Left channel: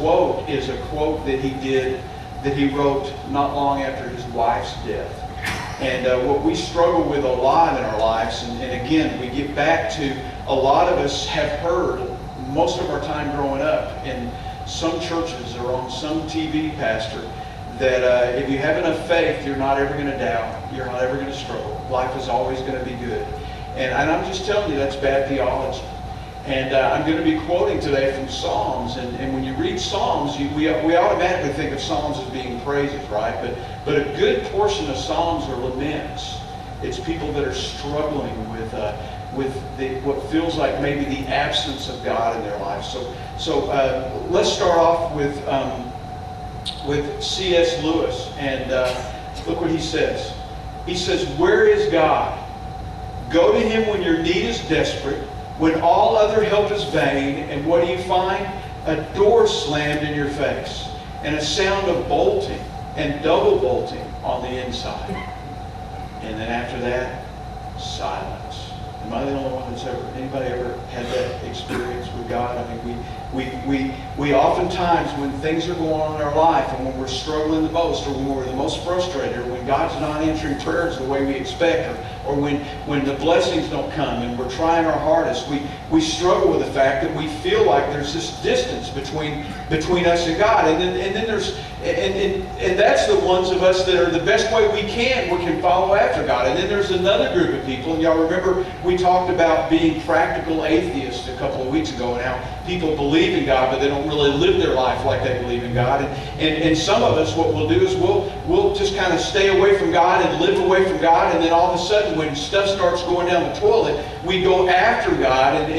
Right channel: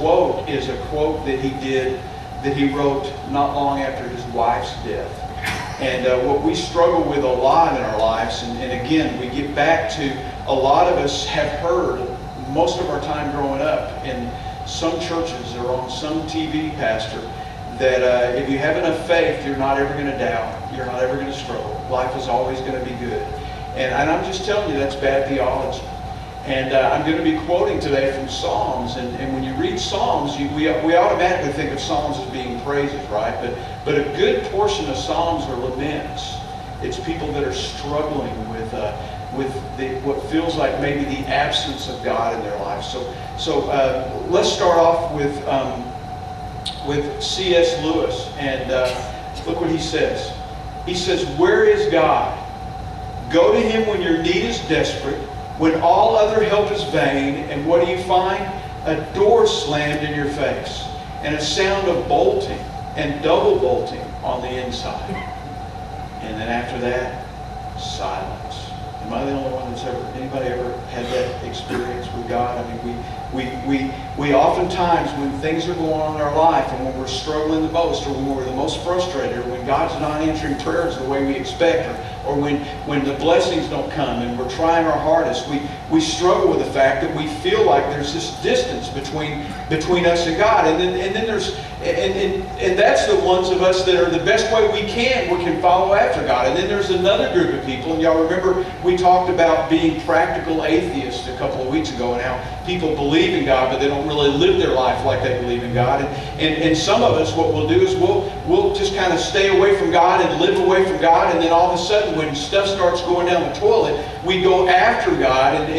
quote is a quote that he wrote not long after his wife's death. And what we struggle with a lot in our lives, and again, we get back to, a lot of us have heard most of our time growing up in some churches or on some TV pastor that if you have enough faith, you're not ever going to doubt, you're not ever going to struggle. Life is always going to be good. And I'm just telling you, that's bad theology. And I'm going to be quoting today from Psalms. And when you read Psalms, we automatically think of Psalms as being praises, right? But a good portion of Psalms are laments. It's people that are struggling with what feels like maybe the absence of God in their life. So let's start off with C.S. Lewis. And look what he says. He says, "Where is God? Go to him when your need is desperate, when all other help is vain, and what do you find? A door slammed in your face, and a sound of bolting and double bolting on the inside. And then after that, silence." Am I the only one that's anybody ever had that experience with God? I mean, we oftentimes, when things are going on in our life, and when we're struggling the most, or when we're the most frustrated, or when God's not answering prayers the way we expect, or when the blessings don't come and we're trying our hardest, we struggle with the fact that we feel like there's this distance between us and God. And then there's and that's the ones of us that are the best way we can follow after God. And then there's another group of people, and y'all remember we talked about being practical atheists a couple of weeks ago, and how people believe in God, but they don't really live their life like they believe in God. And some of us, what we'll do is we'll just kind of stay away from God and live away from God, and then all of a sudden when stuff starts going down the toilet, we go after God, and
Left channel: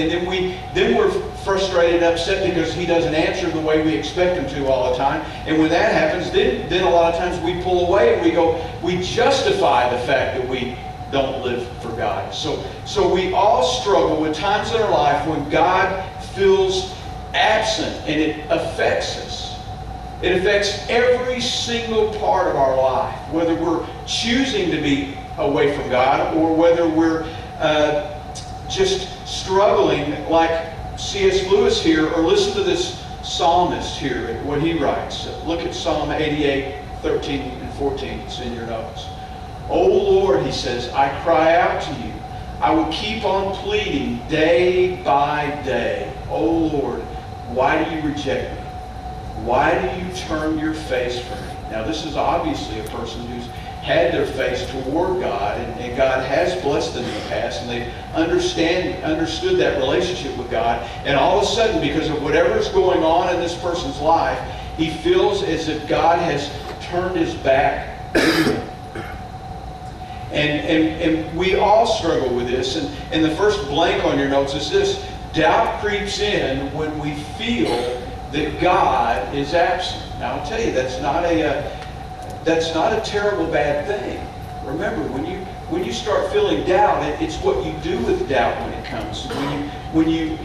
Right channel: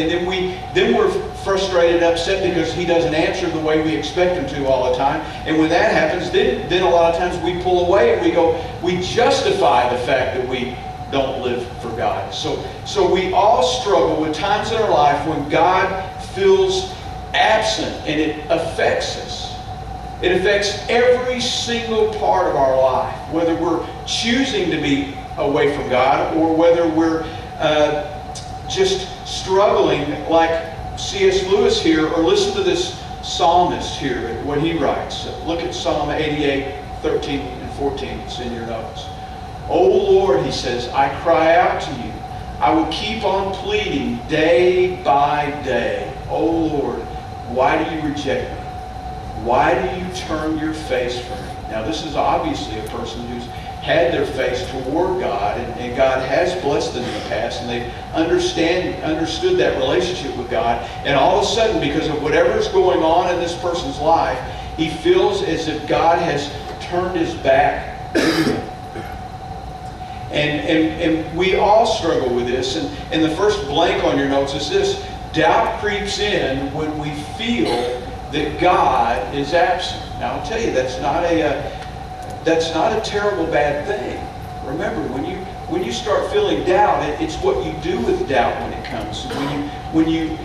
then we're frustrated and upset because he doesn't answer the way we expect him to all the time. And when that happens, then a lot of times we pull away and we justify the fact that we don't live for God. So we all struggle with times in our life when God feels absent, and it affects us. It affects every single part of our life, whether we're choosing to be away from God or whether we're just struggling like C.S. Lewis here, or listen to this psalmist here, what he writes. Look at Psalm 88, 13 and 14. It's in your notes. "O Lord," he says, "I cry out to you. I will keep on pleading day by day. O Lord, why do you reject me? Why do you turn your face from me?" Now this is obviously a person who's had their face toward God, and God has blessed them in the past, and they've understood that relationship with God. And all of a sudden, because of whatever's going on in this person's life, he feels as if God has turned his back to him. And we all struggle with this. And the first blank on your notes is this: doubt creeps in when we feel that God is absent. Now I'll tell you, that's not a terrible bad thing. Remember, when you start feeling doubt, it's what you do with doubt when it comes. When you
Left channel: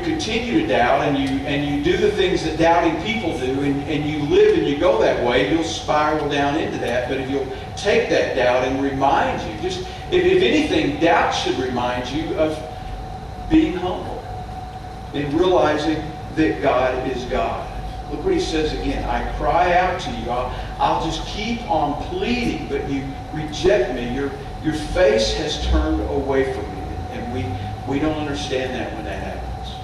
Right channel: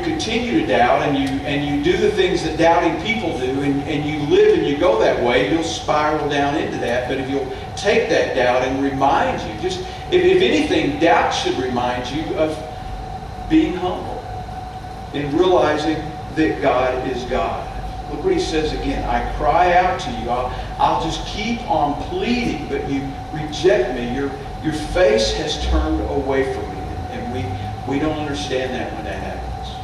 continue to doubt and you do the things that doubting people do, and you live and you go that way, you'll spiral down into that. But if you'll take that doubt and remind you, just if anything, doubt should remind you of being humble and realizing that God is God. Look what he says again. "I cry out to you. I'll just keep on pleading, but you reject me. Your face has turned away from me." And we don't understand that when that happens.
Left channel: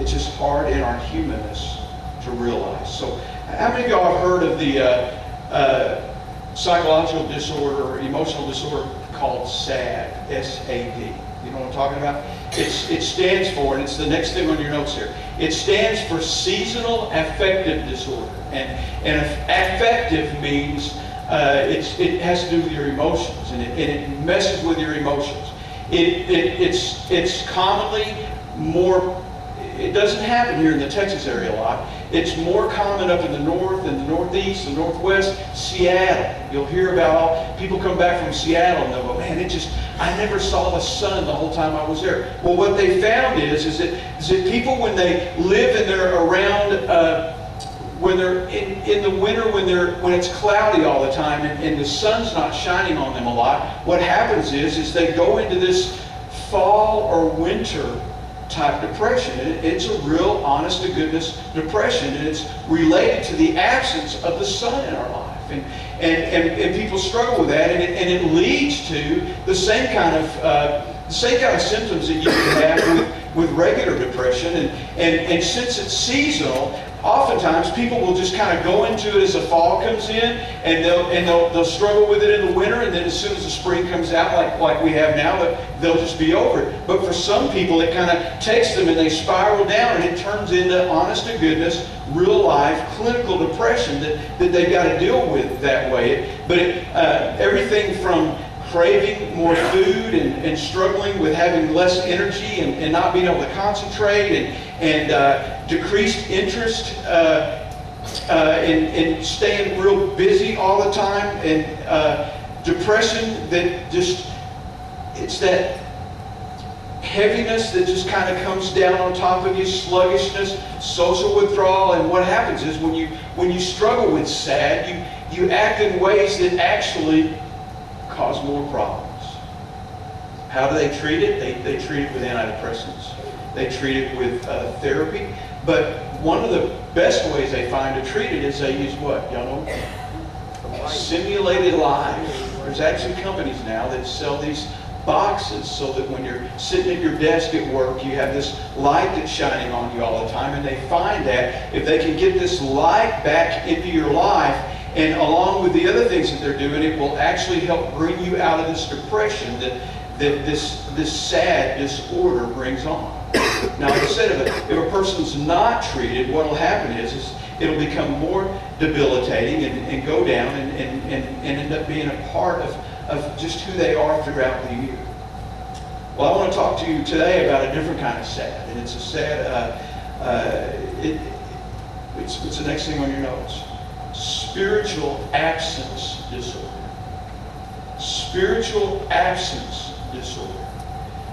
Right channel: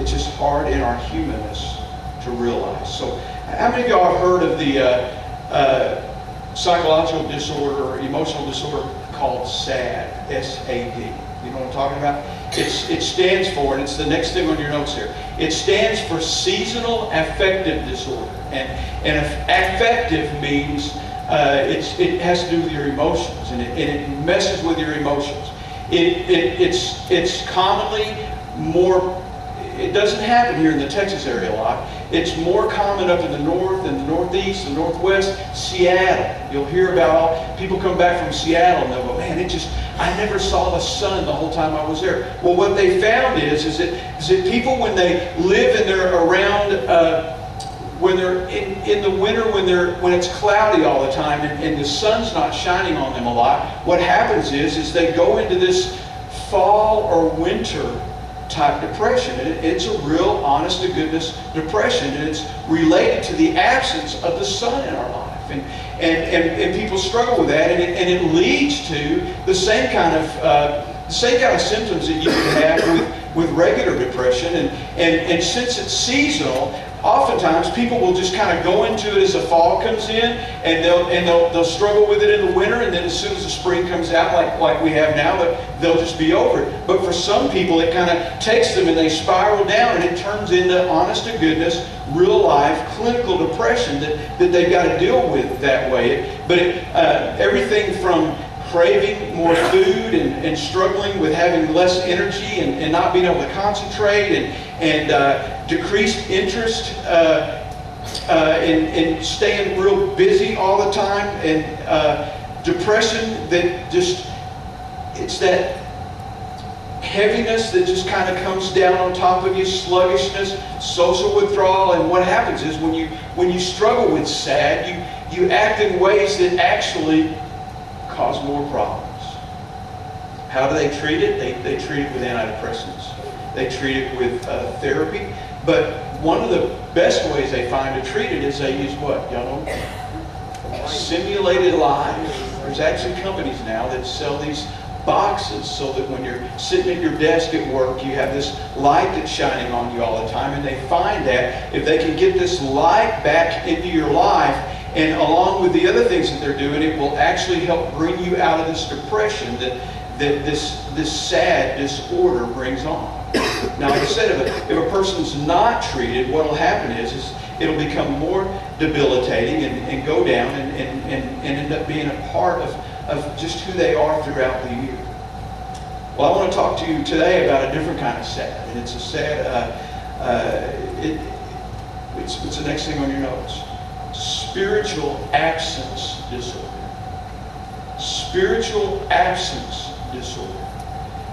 It's just hard in our humanness to realize. So how many of y'all have heard of the psychological disorder or emotional disorder called SAD? S-A-D. You know what I'm talking about? It stands for, and it's the next thing on your notes here, it stands for seasonal affective disorder. And affective means it has to do with your emotions, and it messes with your emotions. It's commonly more, it doesn't happen here in the Texas area a lot. It's more common up in the north and the northeast, the northwest, Seattle. You'll hear about people come back from Seattle and they'll go, "Man, I never saw the sun the whole time I was there." Well, what they found is that people, when they live and they're around, when they're in the winter, when it's cloudy all the time and the sun's not shining on them a lot, what happens is they go into this fall or winter type depression. It's a real honest-to-goodness depression, and it's related to the absence of the Son in our life. And people struggle with that, and it leads to the same kind of symptoms that you can have with regular depression. And since it's seasonal, oftentimes people will just kind of go into it as the fall comes in, and they'll struggle with it in the winter, and then as soon as the spring comes out, like we have now, they'll just be over it. But for some people, it kind of takes them and they spiral down, and it turns into honest-to-goodness, real-life, clinical depression that they've got to deal with that way. But everything from craving more food and struggling with having less energy and not being able to concentrate and decreased interest in staying real busy all the time, and depression that just, it's that heaviness that just kind of comes down on top of you, sluggishness, social withdrawal. And what happens is when you struggle with SAD, you act in ways that actually cause more problems. How do they treat it? They treat it with antidepressants. They treat it with therapy. But one of the best ways they find to treat it is they use what? Y'all know? Simulated life. There's actually companies now that sell these boxes so that when you're sitting at your desk at work, you have this light that's shining on you all the time. And they find that if they can get this light back into your life, and along with the other things that they're doing, it will actually help bring you out of this depression that this sad disorder brings on. Now, like I said, if a person's not treated, what will happen is it'll become more debilitating and go down and end up being a part of just who they are throughout the year. Well, I want to talk to you today about a different kind of sad, and it's a sad, it's the next thing on your notes. Spiritual absence disorder. Spiritual absence disorder.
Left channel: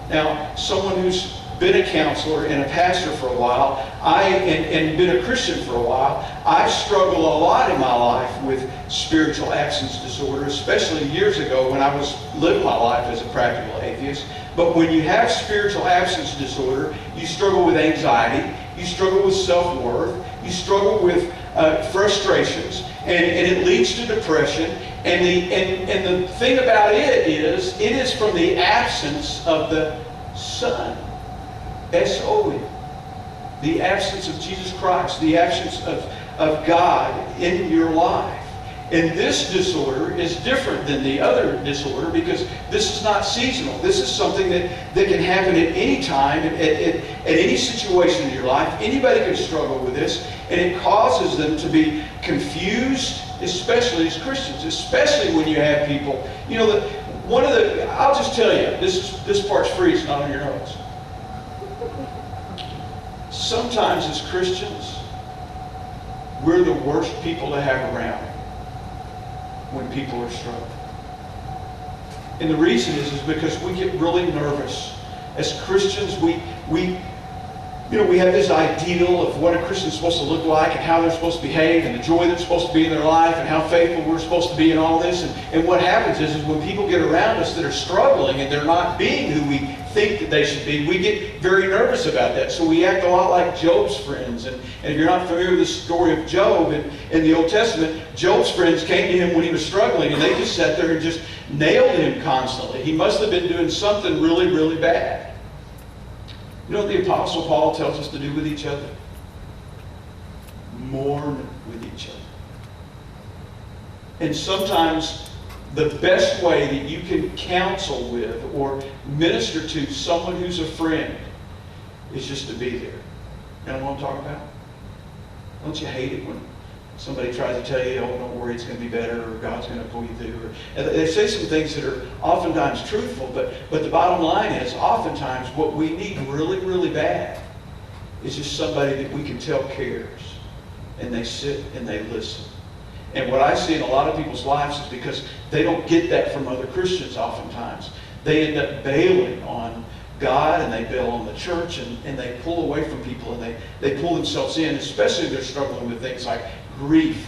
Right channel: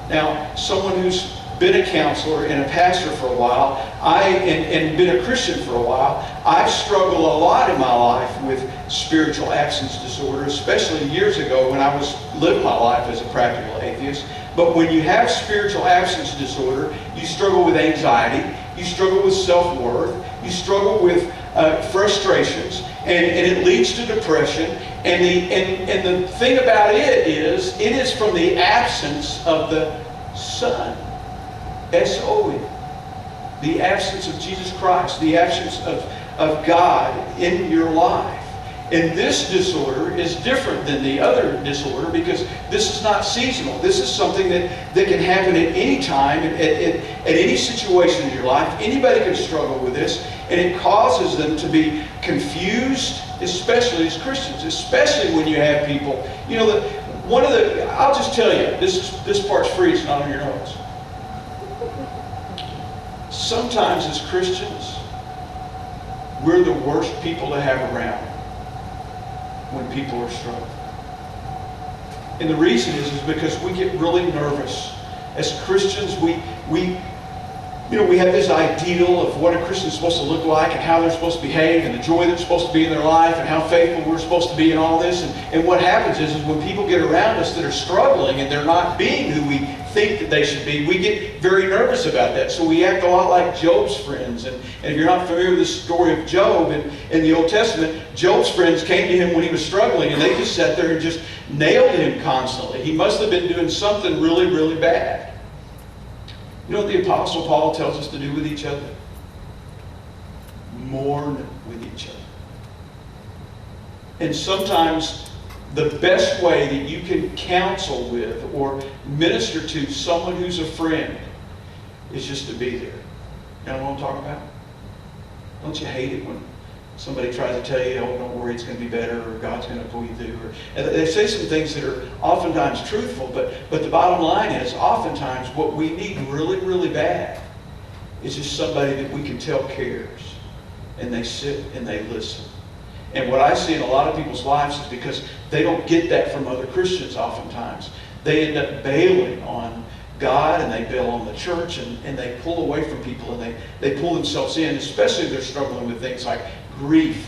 Now, someone who's been a counselor and a pastor for a while, and been a Christian for a while, I've struggled a lot in my life with spiritual absence disorder, especially years ago when I was living my life as a practical atheist. But when you have spiritual absence disorder, you struggle with anxiety, you struggle with self-worth, you struggle with frustrations, and it leads to depression. And the thing about it is from the absence of the Son. S-O-N. The absence of Jesus Christ, the absence of God in your life. And this disorder is different than the other disorder because this is not seasonal. This is something that can happen at any time, at any situation in your life. Anybody can struggle with this, and it causes them to be confused, especially as Christians, especially when you have people. You know, I'll just tell you, this part's free, it's not on your notes. Sometimes as Christians, we're the worst people to have around when people are struggling. And the reason is because we get really nervous. As Christians, we have this ideal of what a Christian is supposed to look like and how they're supposed to behave and the joy that's supposed to be in their life and how faithful we're supposed to be and all this. And what happens is when people get around us that are struggling and they're not being who we think that they should be, we get very nervous about that. So we act a lot like Job's friends. And if you're not familiar with the story of Job in the Old Testament, Job's friends came to him when he was struggling and they just sat there and just nailed him constantly. He must have been doing something really, really bad. You know what the Apostle Paul tells us to do with each other? Mourn with each other. And sometimes the best way that you can counsel with or minister to someone who's a friend is just to be there. You know what I'm talking about? Don't you hate it when somebody tries to tell you, oh, don't worry, it's going to be better, or God's going to pull you through? And they say some things that are oftentimes truthful, but the bottom line is oftentimes what we need really, really bad is just somebody that we can tell cares. And they sit and they listen. And what I see in a lot of people's lives is because they don't get that from other Christians oftentimes. They end up bailing on God and they bail on the church and they pull away from people and they pull themselves in, especially if they're struggling with things like grief